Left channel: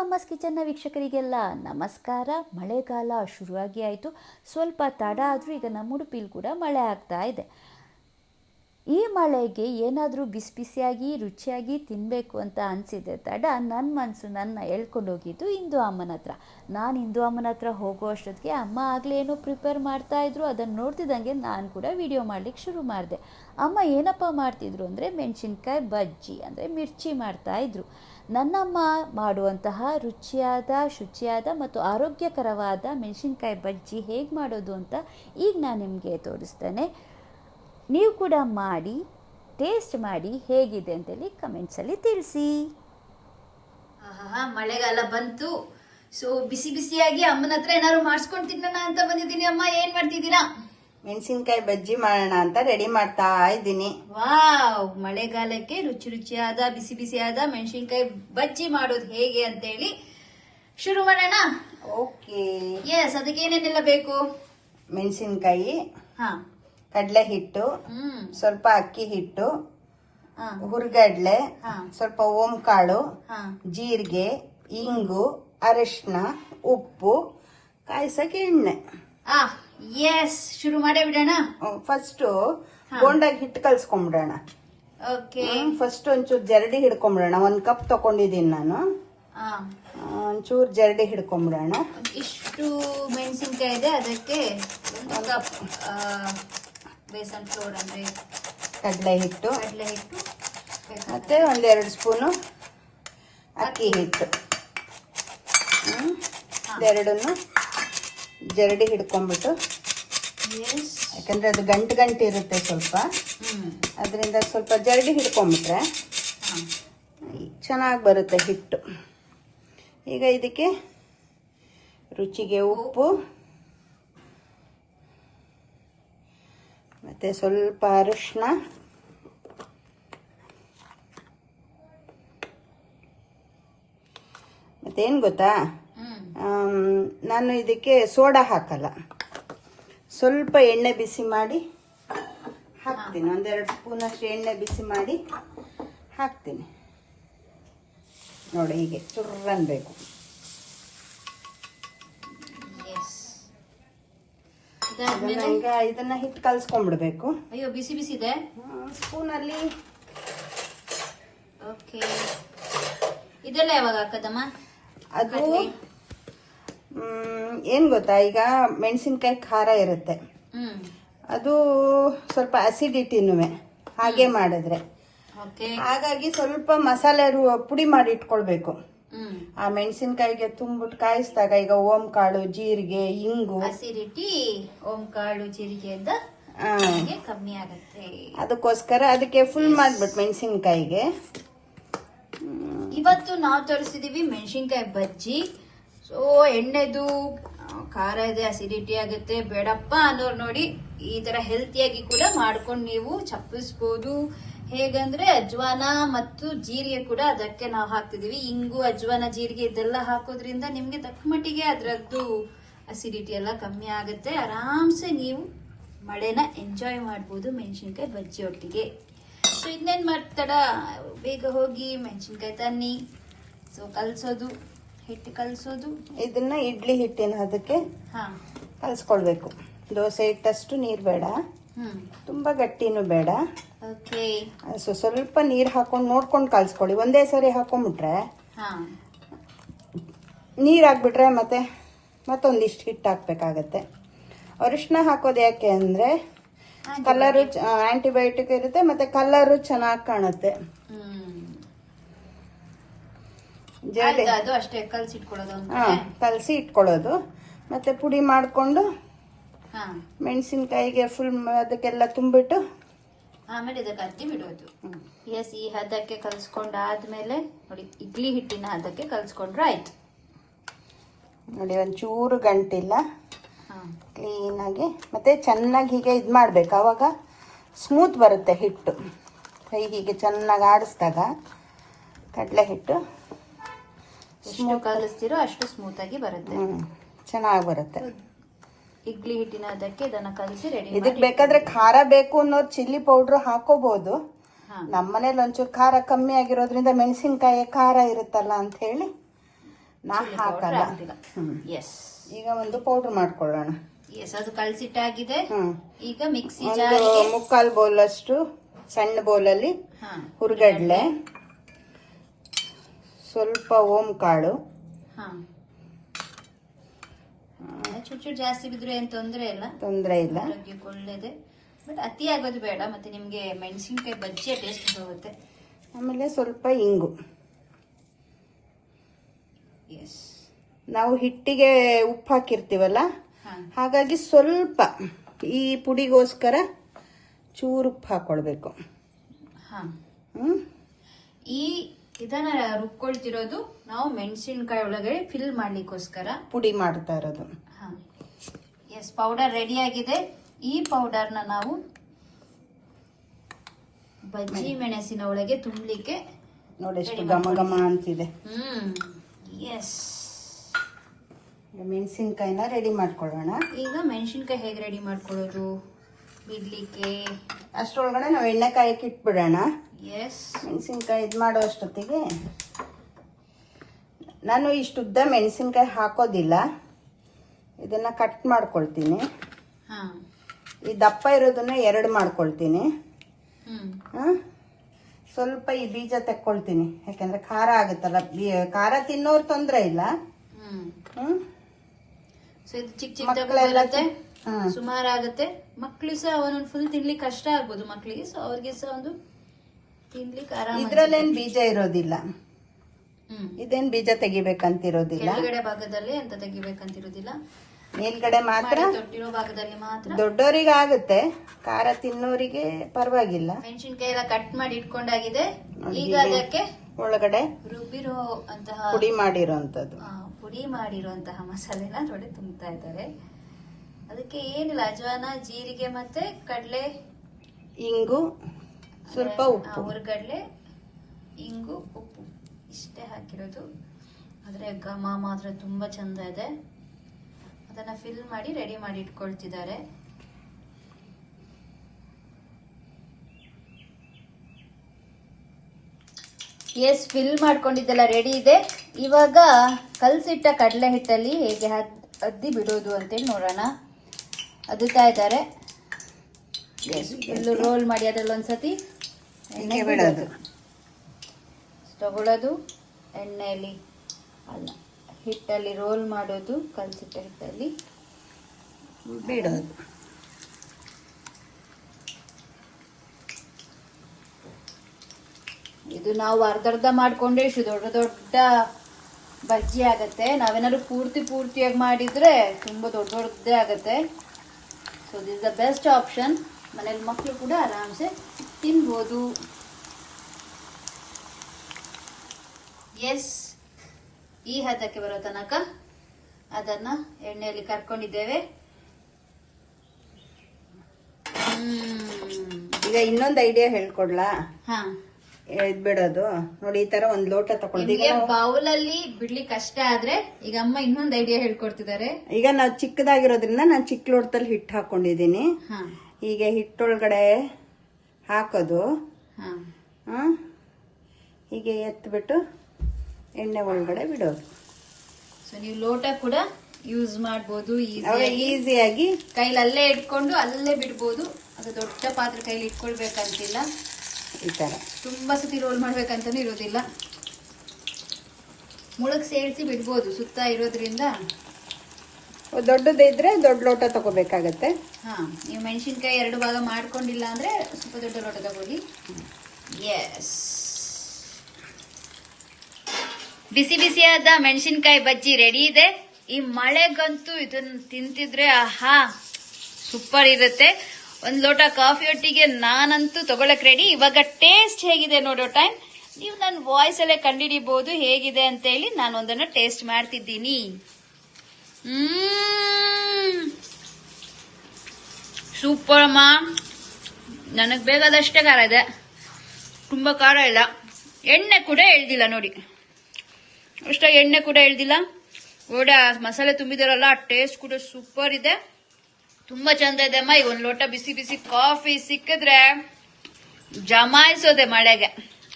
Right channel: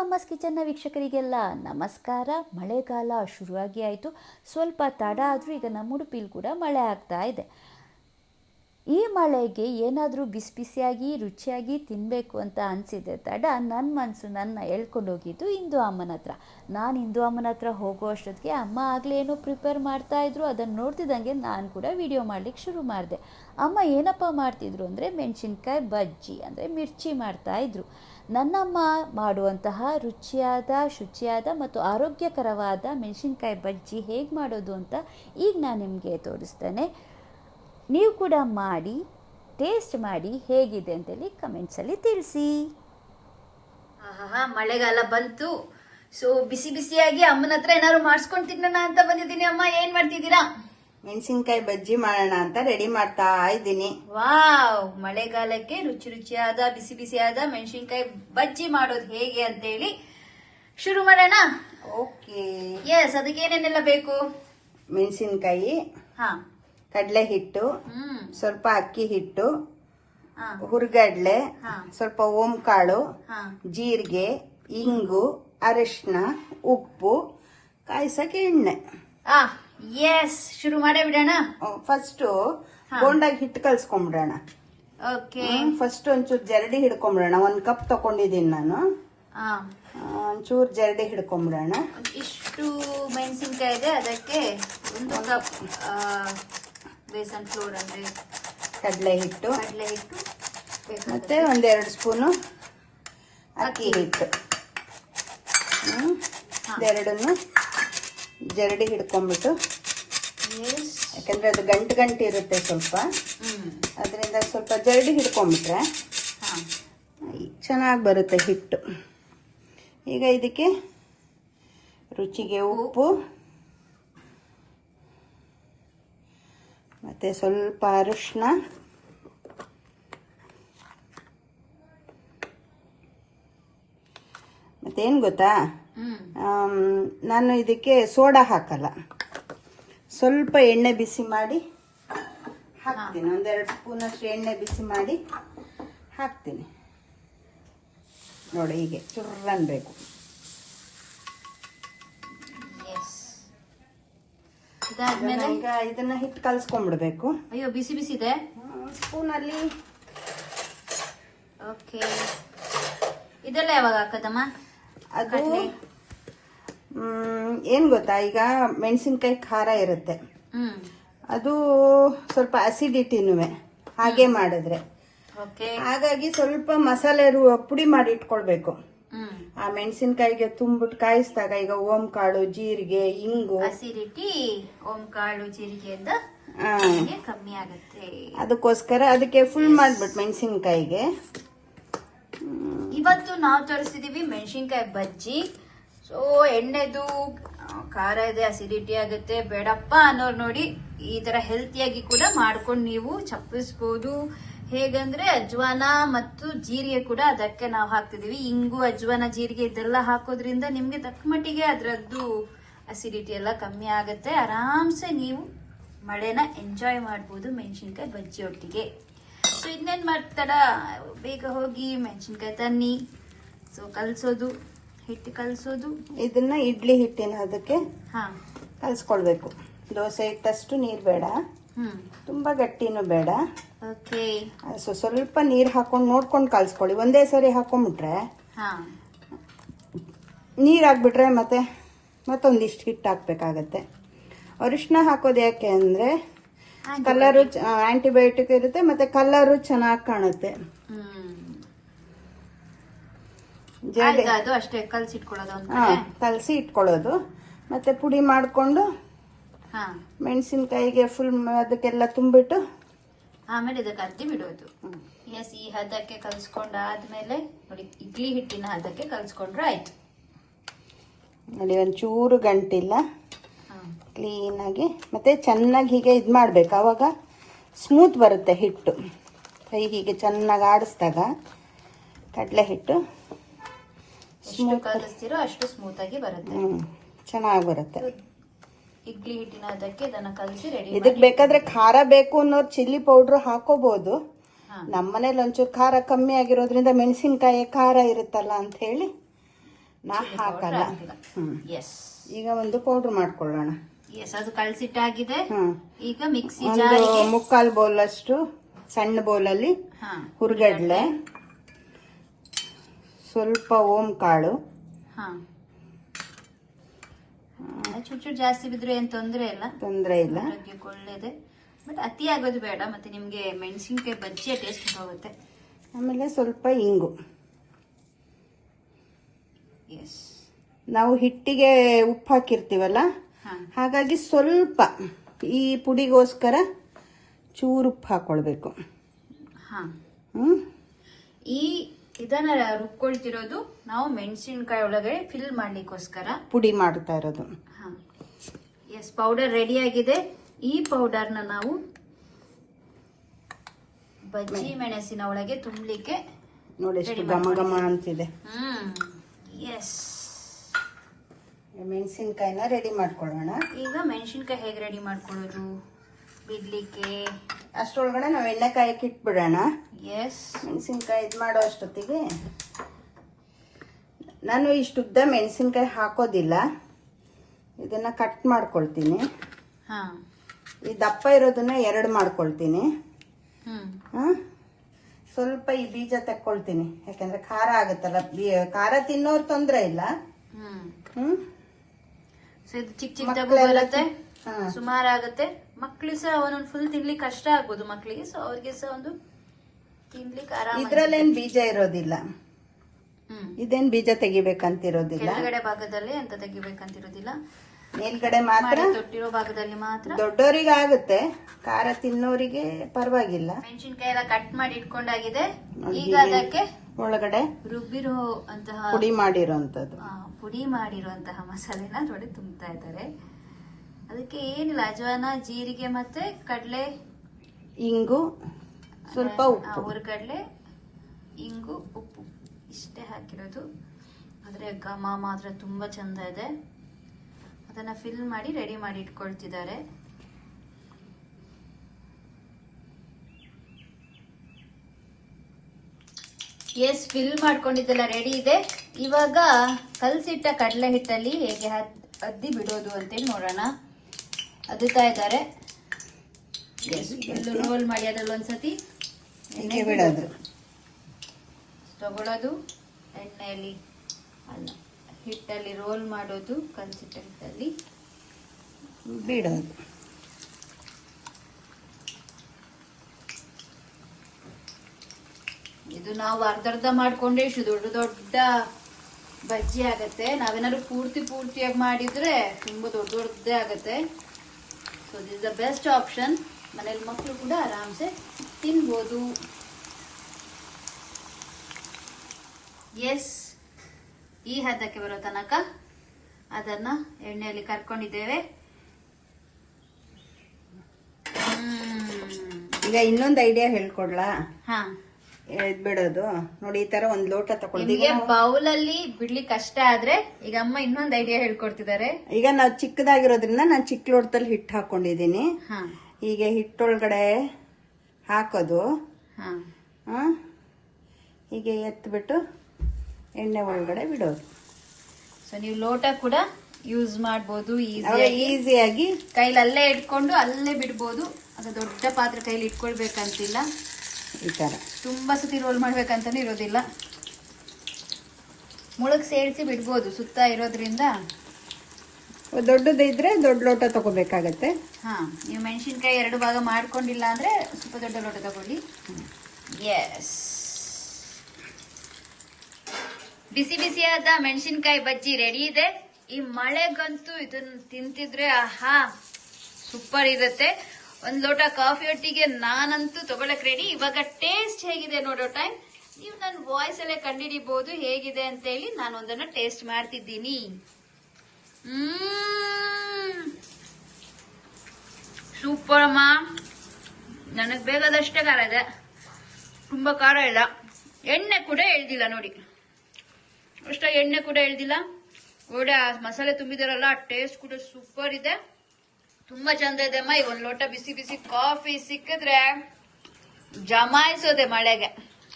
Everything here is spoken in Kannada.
ಅಮ್ಮಸ್ ಕಿಚನ್ನ ವೀಕ್ಷಕರಿಗೆಲ್ಲ ನಮಸ್ಕಾರ. ಮಳೆಗಾಲ ಶುರುವಾಗಿ ಆಯಿತು. ಸ್ವಲ್ಪ ತಡ ಆದರೂ ಈಗ ನಮ್ಮ ಉಡುಪಿಲಿ ಕೂಡ ಮಳೆ ಆಗ್ತಾ ಇದೆ. ಈ ಮಳೆಗೆ ಏನಾದರೂ ಬಿಸಿ ಬಿಸಿಯಾಗಿ ರುಚಿಯಾಗಿ ತಿನ್ನಬೇಕು ಅಂತ ಅನಿಸಿದೆ ತಡ ನನ್ನ ಮನಸ್ಸು ನನ್ನ ಎಳ್ಕೊಂಡು ಹೋಗಿದ್ದು ಇಂದು ಅಮ್ಮನ ಹತ್ರ. ನಾನು ಇಂದು ಅಮ್ಮನ ಹತ್ರ ಹೋಗೋ ಅಷ್ಟೊತ್ತಿಗೆ ಅಮ್ಮ ಆಗಲೇ ಏನೋ ಪ್ರಿಪೇರ್ ಮಾಡ್ತಾಯಿದ್ರು. ಅದನ್ನು ನೋಡ್ತಿದ್ದಂಗೆ ನಾನು ಕೂಡ ವಿಡಿಯೋ ಮಾಡಲಿಕ್ಕೆ ಶುರು ಮಾಡಿದೆ. ಅಮ್ಮ ಏನಪ್ಪ ಮಾಡ್ತಿದ್ರು ಅಂದರೆ ಮೆಣಸಿನ್ಕಾಯಿ ಬಜ್ಜಿ ಅಂದರೆ ಮಿರ್ಚಿ ಮಾಡ್ತಾಯಿದ್ರು. ನನ್ನಮ್ಮ ಮಾಡುವಂತಹ ರುಚಿಯಾದ ಶುಚಿಯಾದ ಮತ್ತು ಆರೋಗ್ಯಕರವಾದ ಮೆಣಸಿನ್ಕಾಯಿ ಬಜ್ಜಿ ಹೇಗೆ ಮಾಡೋದು ಅಂತ ಈಗ ನಾನು ನಿಮಗೆ ತೋರಿಸ್ತೇನೆ. ನೀವು ಕೂಡ ಮಾಡಿ ಟೇಸ್ಟ್ ಮಾಡಿ ಹೇಗಿದೆ ಅಂತೇಳಿ ಕಮೆಂಟ್ಸಲ್ಲಿ ತಿಳಿಸಿ. ಮಳೆಗಾಲ ಬಂತು. ಸೊ ಬಿಸಿ ಬಿಸಿಯಾಗಿ ಅಮ್ಮನ ಹತ್ರ ಏನಾದ್ರು ಮಾಡಿಸ್ಕೊಂಡು ತಿನ್ನೋಣ ಅಂತ ಬಂದಿದ್ದೀನಿ. ಅಮ್ಮ ಏನ್ ಮಾಡ್ತಿದ್ದೀರಾ? ಮೆಣಸಿನ್ಕಾಯಿ ಬಜ್ಜಿ ಮಾಡೋಣ ಅಂತ ರೆಡಿ ಮಾಡ್ತಾ ಇದ್ದೀನಿ. ವಾವ್, ಮಳೆಗಾಲಕ್ಕೆ ರುಚಿ ರುಚಿಯಾದ ಬಿಸಿ ಬಿಸಿಯಾದ ಮೆಣಸಿನ್ಕಾಯಿ ಬಜ್ಜಿ ಮಾಡೋದು ಹೇಗೆ ಅಂತ ಹೇಳಿ ಶುರು ಮಾಡೋಣ. ಓಕೆ. ಎಸ್, ಅದಕ್ಕೆ ಏನೇನೆಲ್ಲ ಬೇಕು? ಮೆಣಸಿನ್ಕಾಯಿ, ಹಾ, ಕಡಲೆ ಹಿಟ್ಟು, ಸ್ವಲ್ಪ ಅಕ್ಕಿ ಹಿಟ್ಟು, ಹುರ್ಗಡ್ಲೆ, ಸ್ವಲ್ಪ ಓಂಕಾಳು, ಜೀರಿಗೆ, ಇಂಗು, ಅರಿಶಿನ, ಉಪ್ಪು, ಕಾಯಿಸಕ್ಕೆ ಎಣ್ಣೆ. ಎಸ್, ಶುರು ಮಾಡೇ ಬಿಡೋಣ. ಫಸ್ಟ್ ಬೋಂಡಾಗಿ ಹಿಟ್ಟು ಕಲ್ಸ್ಕೊಂಡ್ಬಿಡೋಣ. ಓಕೆ. ಫಸ್ಟ್ ಒಂಚೂರು ಜರಡಿ ಹಿಡ್ಕೊಂಡ್ಬಿಡೋಣ. 1 ಕಪ್ ತಗೊಂಡಿದ್ದೀನಿ ನಾನು. ಒಂಚೂರು ಜರಡಿ ಹಿಡ್ಕೊಂಡ್ಬಿಡೋಣ. ಇಷ್ಟು ಮೆಣಸಿನ್ಕಾಯಿ ಇದೆ, ಅದಕ್ಕೆ 1 ಕಪ್ ಬೇಸನ್ ಫ್ಲೋರ್ ಅಂದ್ರೆ ಕಡಲೆ ಹಿಟ್ಟು ಮತ್ತೆ 1-2 ಸ್ಪೂನು ಅಕ್ಕಿ ಹಿಟ್ಟು. ಎರಡನ್ನು ಜರಡಿ ಹಿಡ್ಕೊಂಡ್ಬಿಟ್ಟು, ಯಾಕಂದ್ರೆ ಅದು ಗಂಟು ಇರುತ್ತೆ ಸ್ವಲ್ಪ, ಅದರಿಂದ ಸ್ವಲ್ಪ ಜರಡಿ ಹಿಡ್ಕೊಂಡ್ಬಿಟ್ರೆ ಚೆನ್ನಾಗಿ ಬರುತ್ತೆ ಹಿಟ್ಟು. ಈಗ ಇದಕ್ಕೆ ರುಚಿಗೆ ಉಪ್ಪು ಮತ್ತೆ ಸ್ವಲ್ಪ ಅರಿಶಿನ, ಮತ್ತೇನು ಗೊತ್ತಾ, ನಾನು ಇದಕ್ಕೆ ಸೋಡಾ ಹಾಕಲ್ಲ. ಸ್ವಲ್ಪ ಎಣ್ಣೆ ಬಿಸಿ ಮಾಡಿ ಹಾಕ್ತೀನಿ. 1-2 ಸ್ಪೂನಷ್ಟು ಎಣ್ಣೆ ಬಿಸಿ ಮಾಡಿ ಹಾಕ್ತೀನಿ. ನೋಡಿ, ಹೀಗೆ ಚುರ್ರನ್ಬೇಕು. ಈಗ ಇದನ್ನ ಹಿಟ್ಟು ಕಲ್ಸ್ಕೊಂಡ್ಬಿಡ್ಬೇಕು. ಅಯ್ಯೋ, ಬಿಸಿ ಬಿಸಿ ಇದೆ. ಸ್ಪೂನಲ್ಲಿ. ಓಕೆ, ಇದೆಲ್ಲ ಯಾವಾಗ ಹಾಕದಮ್ಮ? ಅದು ಏನ್ ಗೊತ್ತಾ, ಈಗ ಮೆಣಸಿನ್ಕಾಯಿ ಖಾರ ಇರುತ್ತೆ, ಅದು ಸ್ವಲ್ಪ ಅಸಿಡಿಟಿನುವೆ ಹಾಗೆ ಮಾಡಿದ್ರೆ. ಹಾಗಾಗಿ ಸ್ವಲ್ಪ ಮಸಾಲೆ ಪುಡಿ ಮಾಡಿ ಇಟ್ಕೊಳ್ಬೇಕು. ಆ ಮೆಣಸಿನ್ಕಾಯಿಗೆ ತುಂಬಿಟ್ಟು ಕಾಯಿಸಿದಾಗ ಈಗ ಓಂಕಾಳು, ಜೀರಿಗೆ, ಇಂಗು, ಅಸಿಡಿಟಿ ಓಂಕಾಳು ಜೀರಿಗೆಯಿಂದ ಕಮ್ಮಿ ಆಗುತ್ತೆ. ಅದಕ್ಕೋಸ್ಕರ ಅದಕ್ಕೆ ಫುಲ್ ಮಾಡ್ಬಿಟ್ಟು ಮೆಣಸಿನ್ಕಾಯಿಗೆ. ಇವತ್ತು ನಾವು ತರಿಸಿದೀವಿ ಮೆಣಸಿನ್ಕಾಯಿ ಬಜ್ಜಿ. ಸೊ ಎಣ್ಣೆದು ಖಾರ ಇದೆ, ಅಸಿಡಿಟಿ ಆಗುತ್ತೆ, ಬೇಡಪ್ಪ ಅನ್ನೋರು ನೋಡಿ ಈ ತರ ಹೆಲ್ತಿಯಾಗಿ ಕೂಡ ಮಾಡ್ಕೊಂಡು ನೀವು ಚಪ್ಪಿಸ್ಬೋದು. ಹೇಗಂದ್ರೆ ಅಜ್ವಾನ ಮತ್ತು ಜೀರಿಗೆ ಕೂಡ ಅದಕ್ಕೆ ನಾವು ಹಾಕ್ತಿದೀವಿ. ಇಂಗು, ಅಜ್ವಾನ, ಜೀರಿಗೆ ಇದೆಲ್ಲ ಹಾಕೋದ್ರಿಂದ ನಿಮ್ಗೆ ತಕ್ಕ ಮಟ್ಟಿಗೆ ಅದರದ್ದು ಅಸಿಡಿಟಿ ಎಲ್ಲ ಕಮ್ಮಿ ಆಗುತ್ತೆ. ಆರಾಮ್ಸೆ ನೀವು ಮಳೆನ ಎಂಜಾಯ್ ಮಾಡ್ಬೋದು ಮೆಣಸಿನ್ಕಾಯಿ ಬಜ್ಜಿ ಒಟ್ಟಿಗೆ. ಸೊ ಇನ್ನೇನ್ ಮಾಡ್ತಾರ, ಬೇಗ ಹೋಗಿ ಮೆಣಸಿನ್ಕಾಯಿ ತನ್ನಿ. ಸೊ ಕಲ್ಸೋದು, ಹಿಟ್ಟು ಕಲ್ಸೋದು. ಇದನ್ನ ಇಡ್ಲಿ ಹಿಟ್ಟಿನ ಅದಕ್ಕೆ ಕಲ್ಸ್ಕೊಳ್ಬೇಕು. ದೋಸೆ ಹಿಟ್ಟಷ್ಟು ನೀರ್ ಬೇಡ, ತುಂಬಾ ಗಟ್ಟಿನೂ ಬೇಡ. ಓಕೆ. ಸ್ವಲ್ಪ ನೀರ್ ಹಾಕೊಂಡು ನೋಡ್ಕೊಂಡು ಕಲ್ಸ್ಕೊಳ್ಳಿ. ಒಂದೇ ಸರಿ ಹಾಕೊಂಡ್ಬಿಟ್ರೆ ನೀರ್ ಹಾಕ್ಬಿಟ್ರೆ ಮತ್ತೊಂದಿಷ್ಟು ಹಿಟ್ಟು ಹಾಕ್ಬೇಕಾಗತ್ತೆ. ಅರಿಶಿನ ಹಾಕೋದು ಯಾಕೆ ಅಂದ್ರೆ ಕಲರು ಆಂಟಿಬಯೋಟಿಕ್ ಇರುತ್ತೆ, ಮತ್ತೆ ಕಲರು ಚೆನ್ನಾಗಿ ಕಾಣುತ್ತೆ. ಅದು ಅಷ್ಟೇ ಕಲಸಿ ಇಟ್ಕೊಳ್ಳೋದು. ಮತ್ತೆ ಪುಡಿ ಮಾಡ್ಕೊಂಡು ಮೆಣಸಿನ್ಕಾಯಿಗೆ ಫುಲ್ ಅದಕ್ಕೆಲ್ಲ ತುಂಬಿಟ್ಟು ಆಮೇಲೆ ಇದಕ್ಕೆ ಅದ್ದಿ ಬಿಡೋದು. ಎಸ್, ಈ ಹದಕ್ಕೆ ಕಲ್ಸ್ಕೊಂಡಾದ್ಮೇಲೆ ನೋಡಿ, ಇಡ್ಲಿ ಹಿಟ್ಟಿನ ಹದಕ್ಕೆ ಕಲ್ಸ್ಕೊಂಡ್ರೆ ಆಯ್ತು. ನೋಡಿ, ಒಂಚೂರು ಗಂಟಿಲ್ಲ, ಕ್ಲೀನ್ ಆಗಿ. ಮತ್ತೆ ಚೆನ್ನಾಗಿ ಹೀಗೆ ಇದ್ ಮಾಡ್ಬೇಕು, ಅವಾಗ ಸ್ಮೂತ್ ಬರುತ್ತೆ ಹಿಟ್ಟು. ಕೈ ಹೀಗೆ ಚೆನ್ನಾಗಿ ಆಡಿಸಿದಾಗ ಕಡಲೆ ಹಿಟ್ಟು ಎಷ್ಟು ಕಲಿಸ್ತಿರೋ ಅಷ್ಟು ಸ್ಮೂತ್ ಆಗಿ ಬರುತ್ತೆ, ಚೆನ್ನಾಗಿ ಬರುತ್ತೆ. ಇಡ್ಲಿ ಹಿಟ್ಟಿನ ಅದಕ್ಕೆ ಇದನ್ನ ಕಲಸಿ ರೆಡಿ. ಇದಕ್ಕೆ ಬೇಕಾದ್ರೆ ಖಾರ ಬೇಕು ಅನ್ನೋರು ಚಿಲ್ಲಿ ಪೌಡರ್ ಹಾಕೋಬಹುದು. ನಮ್ಮನೇಲಿ ಒಂಚೂರು ಖಾರ ಕಮ್ಮಿ ಆಗಿರೋದ್ರಿಂದ ಮೆಣಸಿನ್ಕಾಯಿ ಖಾರ ಇರುತ್ತಲ್ಲ ಅಂತ ಹೇಳಿ ನಾ ಹಾಕಲ್ಲ. ಎಸ್, ಈಗ ಒಂದು ಪೌಡರ್ ಮಾಡ್ಕೊಳ್ಳೋಣ. ಎಸ್, ಅದು ಕಳ್ಸಿಟ್ಟಾಗಿದೆ. ಈಗ ಮಿಕ್ಸಿ ಒಂದು ಜಾರಿಗೆ 3/4 ಬೌಲ್ ಅಷ್ಟು ಸಣ್ಣ ಬೌಲಲ್ಲಿ ಹುರ್ಗಡ್ಲೆ, ಸ್ವಲ್ಪ ಓಂ ಕಾಳು, ಚುಚ್ಚು ಜಾಸ್ತಿ ಬಿದ್ರೆ ಏನ್ ತೊಂದ್ರೆ ಇಲ್ಲ, ಆರೋಗ್ಯಕ್ಕೆ ಒಳ್ಳೇದೆ. ಬಟ್ ಅತಿ ಆಗೋದು ಬೇಡ, ಮತ್ತೆ ನಿಮ್ಗೆ ಮೆಣಸಿನ್ಕಾಯಿ ಬಜ್ಜಿಯ ಟೇಸ್ಟ್ ಹೋಗುತ್ತೆ. ಆಮೇಲೆ ಸ್ವಲ್ಪ ಇಂಗು. ಎಸ್, ನಾವು ಹಿಟ್ಟಿಗೆ ಉಪ್ಪು ಹಾಕಿರ್ತೀವಲ್ಲ, ಹಾಗಾಗಿ ಸ್ವಲ್ಪ ಈ ಪುಡಿಗೋಸ್ಕರ ಚೂರು ಉಪ್ಪು ಹಾಕೊಳ್ಬೇಕು. ಇದನ್ನ ರುಬ್ಕೊಳ್ತಿರೋದು ನಾವು ಮೆಣಸಿನಕಾಯಿ ಒಳಗಡೆ ಫಿಲ್ ಮಾಡ್ಲಿಕ್ಕೋಸ್ಕರ ಪುಡಿ ಮಾಡ್ತಾ ಇರೋದು. ಎಸ್, ಪೌಡರ್ ರೆಡಿ ಆಗಿದೆ. ಈ ಪೌಡರ್ನ ನಾವು ಬಜ್ಜಿ ಮೆಣಸಿನ ಒಳಗೆ ತುಂಬಲಿಕ್ಕೆ ನೋಡಿ ಎಷ್ಟು ಘಮ ಘಮ ಅಂತಿದೆ. ಎಸ್, ಮೆಣಸಿನ್ಕಾಯಿನ ರೆಡಿ ಮಾಡ್ಕೊಳ್ಳೋಣ. ಈಗ ಮೆಣಸಿನ್ಕಾಯಿ ಹೇಗೆ ರೆಡಿ ಮಾಡ್ಕೊಳ್ಳೋದು ಬಿಡ್ಲಿಕ್ಕೆ, ಅಷ್ಟರೊಳಗಡೆ ನಾವು ಎಣ್ಣೆ ಕಾಯಕ್ಕೆ ಇಟ್ಬಿಡೋಣ. ಎಸ್, ಮೆಣಸಿನ್ಕಾಯಿ ಇದು ಮಾಡೋ ಅಷ್ಟೊತ್ತಿಗೆ ನಾನು ಇಷ್ಟುದ್ದ ಮೆಣಸಿನ್ಕಾಯಿ ಹಾಕೋದಿಲ್ಲ, ಇದನ್ನ ಕಟ್ ಮಾಡ್ಕೊಳ್ತೀನಿ. ಈ ದಪ್ಪ ಇರೋದನ್ನ 2 ಮಾಡ್ಕೊಳ್ತೀನಿ. ಸ್ವಲ್ಪ ಈ ಬೀಜ ತಕ್ಕೊಳ್ತೀನಿ, ಯಾಕಂದ್ರೆ ಖಾರ ಆಗುತ್ತಲ್ಲ. ಖಾರ ತಿನ್ನೋರ್ ತೊಂದ್ರೆ ಇಲ್ಲ. ಇದು ಚಿಕ್ಕ ಚಿಕ್ಕ ಬರುತ್ತೆ, ಸುಮಾರು ಆಗುತ್ತೆ. ಮಕ್ಳು ಸಹ ಒಂದೊಂದು ಫುಲ್ ತಿನ್ಲಿಕ್ಕೆ ಕಷ್ಟ ಆಗ್ಬೋದು ಮಕ್ಳಿಗೆ, ಸೊ ಅವ್ರಿಗೆ ಸಹ ಒಂದು ತಿನ್ಲಿಕ್ಕೆ ಆರಾಮ. ಇದ್ರಲ್ಲೇನ್ ಬೀಜ ಇರೋದಿಲ್ಲ, ಇದೇನ್ ಬೀಜ ತೆಗಿಬೇಕಂತಿರೋದಿಲ್ಲ. ಕೆಳಗಡೆ ಭಾಗದಲ್ಲಿ ಅಂತ ತೆಗಿಬೇಕಂತಿರೋದಿಲ್ಲ, ಮೇಲ್ಗಡೆ ಮಾತ್ರ, ತೊಟ್ಟಿರೋ ಭಾಗದಲ್ಲಿ ಮಾತ್ರ. ದೊಡ್ಡೋರಿಗೆ ಆಗುತ್ತೆ, ಖಾರ ತಿನ್ನೋರಿಗೆ ಪರವಾಗಿಲ್ಲ. ಮೆಣಸಿನ್ಕಾಯಿ ಎಲ್ಲ ಕಟ್ ಮಾಡಿ ಇಟ್ಕೊಂಡಾಗಿದೆ. ಈಗ ಅದಕ್ಕೆ ಒಳಗಡೆ ರುಬ್ಬಿರೋ ಅಂತಹ ಪುಡಿ ಮಾಡಿರುವಂತಹ ಮಸಾಲೆನ ನೋಡಿ ತುಂಬ್ತಾ ಇದ್ದಾರೆ. ಅದಕ್ಕೆ ಏನಿಲ್ಲ, ಅಜ್ವಾನ, ಜೀರಿಗೆ ಮತ್ತೆ ಕಡಲೆ, ಇಂಗು, ಸ್ವಲ್ಪ ಉಪ್ಪು, ಹುರ್ಗಡ್ಲೆ, ಇಂಗು, ಉಪ್ಪು ಇಷ್ಟೇ ಹಾಕಿರೋದು. ಆದ್ರೆ ಘಮ ಮಾತ್ರ ತುಂಬಾ ಚಂದ ಇದೆ. ಅದನ್ನ ಫಿಲ್ ಮಾಡಿ ರೆಡಿ ಮಾಡಿ ಇಟ್ಕೊಳ್ತಿದ್ದಾರೆ. ಎಸ್, ಫಿಲ್ ಮಾಡ್ಕೊಂಡಿದ್ದೆಲ್ಲ ರೆಡಿ ಇದೆ. ಇವಾಗ ಕಲ್ಸಿಟ್ಟ ಕಡಲೆ ಹಿಟ್ಟಲ್ಲಿ ಹೇಗೆ ಅದ್ದಿ ಬಿಡೋದು ಅಂತೇಳಿ ನೋಡೋಣ. ಅದುತ್ತಾ ಇದ್ದಾರೆ. ರೋಲ್ ಮಾಡಿ ಅದ್ರಲ್ಲಿ ಒಂದ್ಸತಿ ಎಣ್ಣೆ ಬಿಡೋದು, ತಗೊಳ್ಳೋದು, ಎಣ್ಣೆಯಲ್ಲಿ ಅಲ್ಲ ಹಿಟ್ಟಲ್ಲಿ ರೋಲ್ ಮಾಡೋದು, ಕಲ್ಸಿಟ್ಟ ಹಿಟ್ಟಲ್ಲಿ ಬಿಡೋದು. ಇದು ನಾವು ಅರ್ಧ ಮಾಡ್ಕೊಂಡ್ರೆ ಇಷ್ಟು ದೊಡ್ಡ ದೊಡ್ಡ ಬಜ್ಜಿ ಆಗತ್ತೆ. ನಾವೇನಾದ್ರು ಪೂರ್ತಿಯಾಗಿ ಮಾಡಿದ್ರೆ ತುಂಬಾ ದೊಡ್ಡದೇ ಆಗತ್ತೆ. So this the best option. ಮನೇಲಿ ಮಕ್ಕಳು ಕೂಡ ಆರಾಮ್ಸೆ ತಿನ್ಬೋದು. ಎಸ್, ಈ ಹದಕ್ಕೆ ಬರೋ ತನಕ ಅದನ್ನ ಎಣ್ಣೆಯಲ್ಲಿ ಕರ್ಕೊಂಡಿದ್ದೇವೆ. ಈಗ ಇನ್ನೊಂದು ಐಡಿಯಾ ಹೇಳ್ಕೊಡ್ಲಾ? ಬಿಡೋದು ನೋಡಿ, ಈ ತರ ಒಂದ್ ಲೋಟ ತಗೊಳ್ಳಿ. ಬೌಲ್ ಅಲ್ಲಿ ಬಿಡ್ಲಿಕ್ಕೆ ಕಷ್ಟ ಆದ್ರೆ ಈಗ ಅಮ್ಮ ಇನ್ನೊಂದು ಐಡಿಯಾ ಹೇಳ್ಕೊಡ್ತಿದ್ದಾರೆ. ಈಗ ನಾವು ಚಿಕ್ಕದಾಗಿರೋದ್ರಿಂದ ನಾನು ಚಿಕ್ಕ ಲೋಟದಲ್ಲಿ ಹಿಟ್ಟು ಹಾಕೊಂಡಿದೀನಿ. ಈಗ ಹಿಟ್ಟೊಳಗಡೆ ಹಾಕೋದು, ಹೀಗೆ ಎತ್ಬಿಟ್ಟು ಎಣ್ಣೆ ಒಳಗಡೆ ಬಿಡೋದು. ಸೊ ನೀವು ಲೋಟ ಕೂಡ ಯೂಸ್ ಮಾಡಬಹುದು ಈಸಿಯಾಗಿ. ಕೈಲಿ ಅಲ್ಲೇ ಇಟ್ಕೊಂಡು ಅಲ್ಲೇ ಬಿಡ್ಬೋದು. ಅದು ದೊಡ್ಡ ಪಾತ್ರೆ ಕೈಲಿ ಇಟ್ಕೊಳ್ಬೇಕಂತಿಲ್ಲ. ಈ ತರ ತುಂಬಾ ಸತಿ ರೋಲ್ ಮಾಡ್ಬೇಕಂತಾನು ಇರೋದಿಲ್ಲ. ಮುಳಗ್ ಸೇರಿಸಿ ಬಿಡ್ಬೋದು ಸುತ್ತ ಇರೋದ್ರಿಂದ. ದೊಡ್ಡದಿದ್ರೆ ದೊಡ್ಡ ಲೋಟ ತಗೋಬೇಕಾಗತ್ತೆ. ನೀವು ಮೆಣಸಿನ್ಕಾಯಿ 2 ಭಾಗ ಮಾಡ್ಕೊಂಡಿಲ್ಲ ಅಂದ್ರೆ ಸ್ವಲ್ಪ ದೊಡ್ಡ ಲೋಟ ತಗೊಳ್ಳಿ. ಎಸ್, ಬಿಸಿ ಬಿಸಿಯಾದ ಮೆಣಸಿನ್ಕಾಯಿ ಬಜ್ಜಿ ರೆಡಿ ಇದೆ. ಈ ಮಳೆಗಂತೂ ಇದನ್ನ ತಿಂತಿದ್ರೆ ಆಹಾ ಸೂಪರ್ ಇರುತ್ತೆ. 1 ಲೋಟ ಕಾಫಿ ಒಟ್ಟಿಗೆ ನಾನಂತೂ ತಗೊಳಕ್ ರೆಡಿ. ಇವಾಗ ಟೇಸ್ಟ್ ಹೇಗಿದೆ ನೋಡೋ ಟೈಮ್. ನೀವು ನನ್ನ ವಾಯ್ಸ್ ಅಲ್ಲೇ ಕಂಡುಹಿಡಿಬಹುದು ಹೇಗಿದೆ ಅಂತ ಹೇಳಿ. ನಾನು ಒಂದನ್ನು ಟೇಸ್ಟ್ ಮಾಡ್ತಿದ್ದೀನಿ. ಸೂಪರ್ ಅಮ್ಮ. ನನಗ್ ಬೇಕಾದಷ್ಟೇ ಖಾರ ಇದೆ, ತುಂಬಾ ಖಾರ ಇಲ್ಲ. ಎಣ್ಣೆ ಕೂಡ ಎಳ್ದಿಲ್ಲ ನೋಡಿ, ಅಷ್ಟೇ ಎಣ್ಣೆ ಕೂಡ ಎಳ್ದಿಲ್ಲ. ಒಳ್ಳೆ ಮಸಾಲೆ ತುಂಬಿದಾರಲ್ಲ, ಟೇಸ್ಟ್ ಕೂಡ ಸೂಪರ್ ಇದೆ, ತುಂಬಾ ಚಂದ ಇದೆ ಅಮ್ಮ. ಈ 1 ಲೋಟ ಬಿಸಿ ಬಿಸಿ ಕಾಫಿ ಸಿಕ್ಕಿದ್ರೆ ಜಮಾಯಿಸೋದೆ ಮಳೆಗೆ.